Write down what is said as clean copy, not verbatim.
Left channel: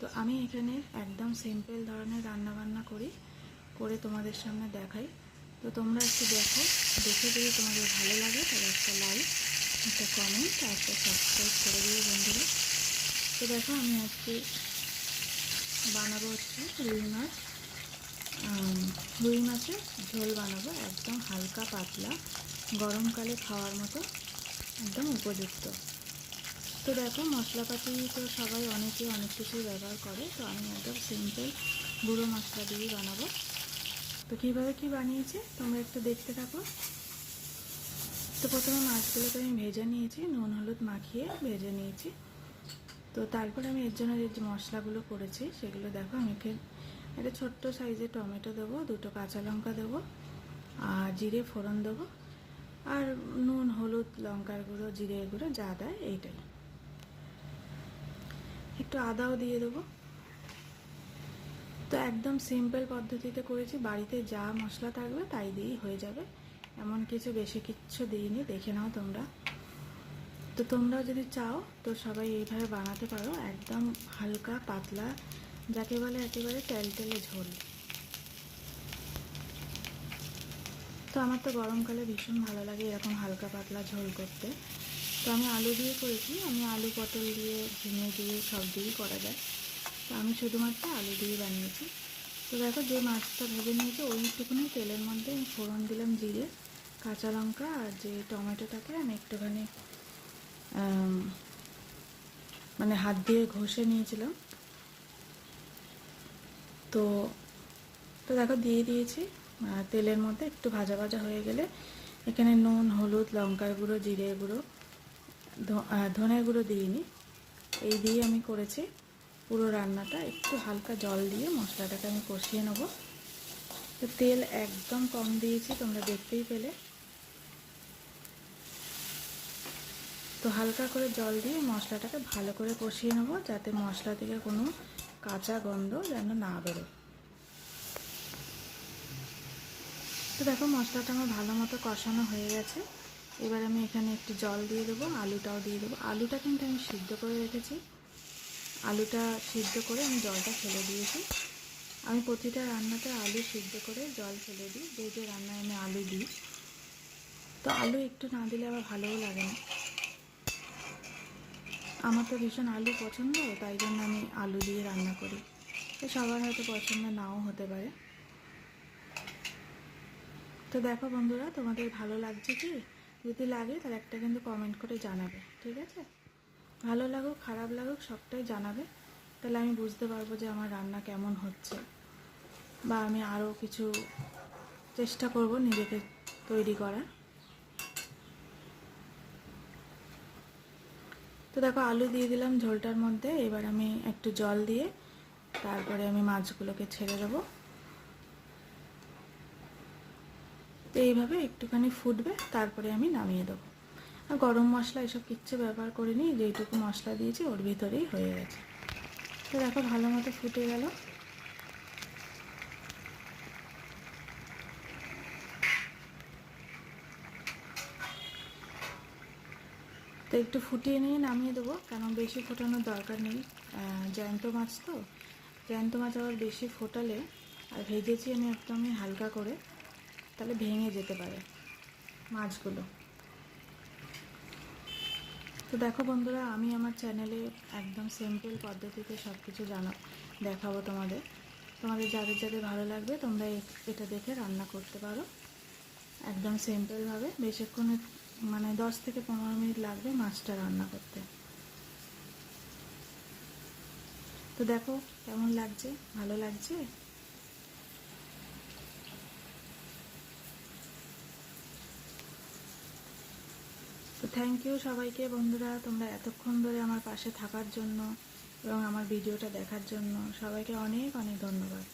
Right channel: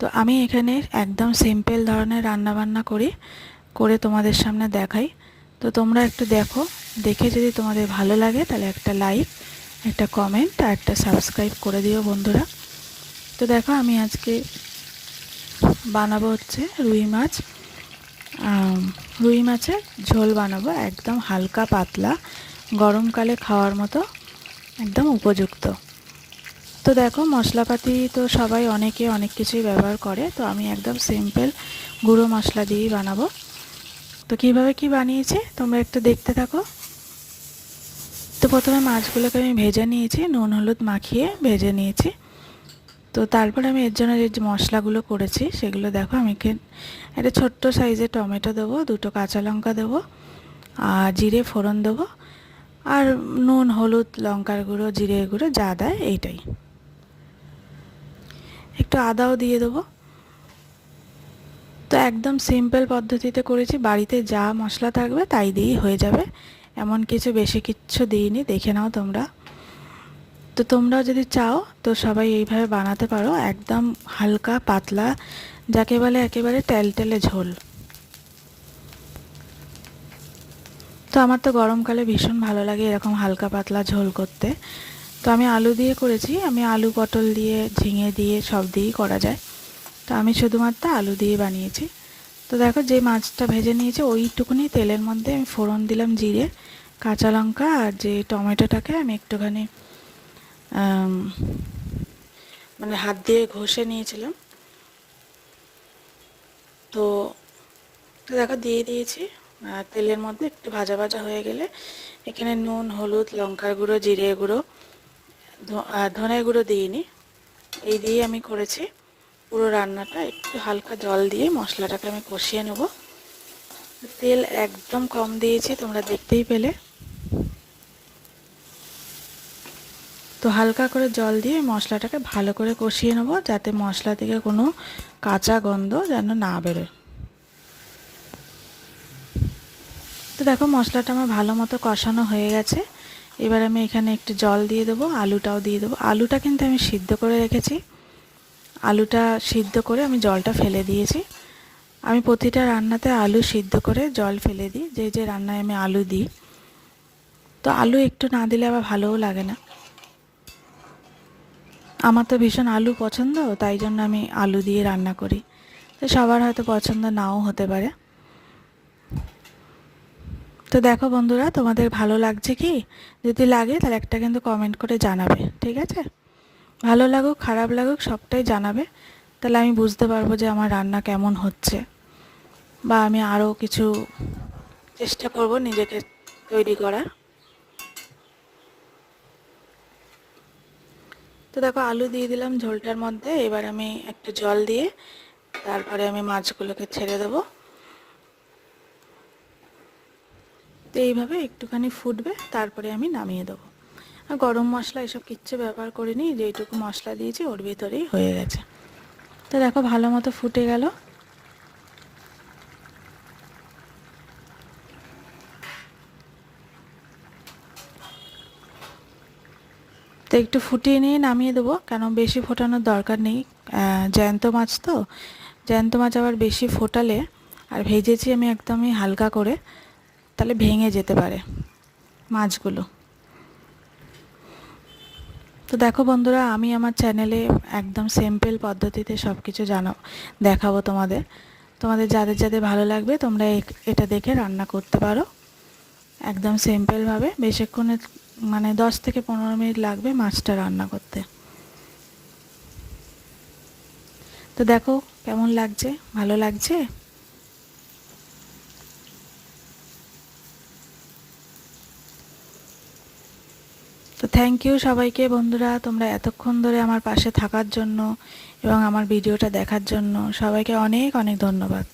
তো আমি এখানে একদম সিম্পল ধরনের রান্নাবান্না করি, করে তোমাদের সামনে দেখাই। তো তোমরা একটু দেখো, দেখে যদি তোমাদের ভালো লাগে তাহলে একটা লাইক, একটা কমেন্ট আর একটা সাবস্ক্রাইব করে দিও বন্ধুরা। তো দেখো আমি আজকে বানাবো হচ্ছে রুই মাছ। রুই মাছের ঝোল বানাবো, একদম হালকা পাতলা, গরমকালে খাওয়ার মতো একদম উপযুক্ত। তো দেখো মশলাপাতি তো সবাই অনেকে অনেক কিছুই ব্যবহার করে, তো আমি একদম সিম্পল গুঁড়ো মশলা দিয়েই বানাবো। তো কীভাবে কি বানিয়েছি তোমরা একটু দেখতে থাকো। তো প্রথমে মাছগুলোকে আমি ভেজে নিয়েছি, নুন হলুদ মাখিয়ে ভেজে নিয়েছি। তো তারপর আমি এর জন্য যে মশলাগুলো করেছি সেগুলো দেখো। আমি একটা ছোট্ট সাইজের টমেটো দেবো, দুটো কাঁচা লঙ্কা দেবো, আর জিরে ফোড়ন দেবো, আর নুন হলুদ লঙ্কার গুঁড়ো জিরে গুঁড়ো যা দেয় এইটাই, একটু আদাও দিয়ে দেবো। তো একদম সিম্পল পদ্ধতিতে করেছি, বাড়িতে যা মশলা থাকবে তাই দিয়েই হয়ে যাবে, এমন কিছু বেশি কিচ্ছু দিইনি, দেখে নাও তোমরা। তো তোমরাও যদি চাও তো সবাই এইভাবে বানাতে পারো, একদম হালকা পাতলা, যাকে বলে একেবারে টেলটেলে ঝোল। তো আমার তো গরমকালে ভীষণ ভালো লাগে এরকম হালকা পাতলা ঝোল করতে। তো আমি আলু দিয়ে করেছি, আমি আলু পটল দিয়ে ঝিঙে দিয়ে সব দিয়েই করা যায়, তো আমি শুধুমাত্র আলু দিয়ে বানিয়েছি। তো দেখো যে মাছটা ভেজে নিয়েছি ওইটুকুনি তেলের মধ্যে আমি ফোড়ন দিলাম জিরে, কাঁচা লঙ্কা, আর যে টমেটোটাকে আমি একটুখানি মানে হাত দিয়ে ঘষে নিয়েছিলাম। তো তো দেখো দিয়ে দিয়েছি তেলের মধ্যে। একটু ভাজা ভাজা হয়ে গেলে এখানে নুন হলুদ লঙ্কার গুঁড়ো জিরে গুঁড়ো ধনের গুঁড়ো দিইনি, এই দিয়ে আমি করেছি পুরো রান্নাটা। একটু হালকা জল দিয়ে মশলাটাকে আমি কষিয়ে নেব। তেল একদম কম দিয়েছি, তোমরা দেখতেই পেলে। তো হালকা করে জল দিয়ে মশলাটাকে ভালো করে কষিয়ে নেব, যাতে মশলা থেকে কোনো কাঁচা গন্ধ যেন না বেরোয়। তো দেখো মশলাটা আমার ভালো মতো কষানো হয়ে গেছে। এবার আমি এখানে একটু জল দিয়ে দেবো, আলুটাও দিয়ে দেবো। আলুটা কিন্তু আমি সিদ্ধ করে রেখেছি, আলুটা সিদ্ধ করে আমি জলটা ফেলে দিয়েছি। আমি প্রতিটা রান্নাতে আলু সিদ্ধ করে জল ফেলে দিই, যে যে রান্নায় আমি আলু দিই। তো আলু একটু না দিলে আবার ভালোও লাগে না। আমার তো ভীষণ আলু পছন্দ, তাই জন্য আমি আলু দিয়ে রান্না করি। তো সবার হয়তো পছন্দ নাও হতে পারে। তো দেখো বন্ধুরা তোমাদের ভালো লাগছে কি? যদি লাগে তাহলে একটা কিন্তু কমেন্ট করে জানাবে, ঠিক আছে? ভালো লাগুক খারাপ লাগুক সবটাই জানাবে, তাহলে আমি বুঝতে পারবো যে আমার রান্না কেমন হচ্ছে, বা আমি আরও কিছু চেষ্টা করব নিজেকে তৈরি করার। তো দেখো আলু দিয়ে দিলাম ঝোলটার মধ্যে। এবার আমি একটু জল দিয়ে তারপরে আমি মাছগুলোকে ছেড়ে দেবো। তো এইভাবে একটুখানি ফুটবে, তারপরে আমি নামিয়ে দেবো। আর গরম মশলা এসব কিচ্ছু ব্যবহার করিনি, যেইটুকু মশলা দিয়েছি ওর ভিতরেই হয়ে গেছে। তো দেখো ভালো মতো ফুটে গেল। তো একটু ফুটিয়ে নিয়ে নামিয়ে দেবো, কেন বেশি ফোটানোর দরকার নেই। জ্যান্ত মাছ তো, জ্যান্ত মাছ আবার বেশি ফোটালে, আর ভেজেছি আমি একদমই হালকা করে, তাহলে ভেঙে যেতে পারে মাছগুলো। তো দেখো বন্ধুরা আমি আমার চ্যানেলে একদম সিম্পল পদ্ধতিতে সব কিছু দেখাবো তোমাদের। তোমাদের যাদের যাদের ভালো লাগবে তোমরা এটা দেখে রান্না করতে পারো, একদম সিম্পলভাবে। বেশিক্ষণে মানে 10 থেকে 15 মিনিট লাগবে মাছটা রান্না করতে। তো দেখো কেমন লাগছে, ভালো লাগছে? তো থ্যাংক ইউ সবাইকে বন্ধুরা, তোমরা এতক্ষণ ধরে আমার পাশে থাকার জন্য এবং আমার ভিডিওটা দেখার জন্য সবাইকে অনেক অনেক ধন্যবাদ।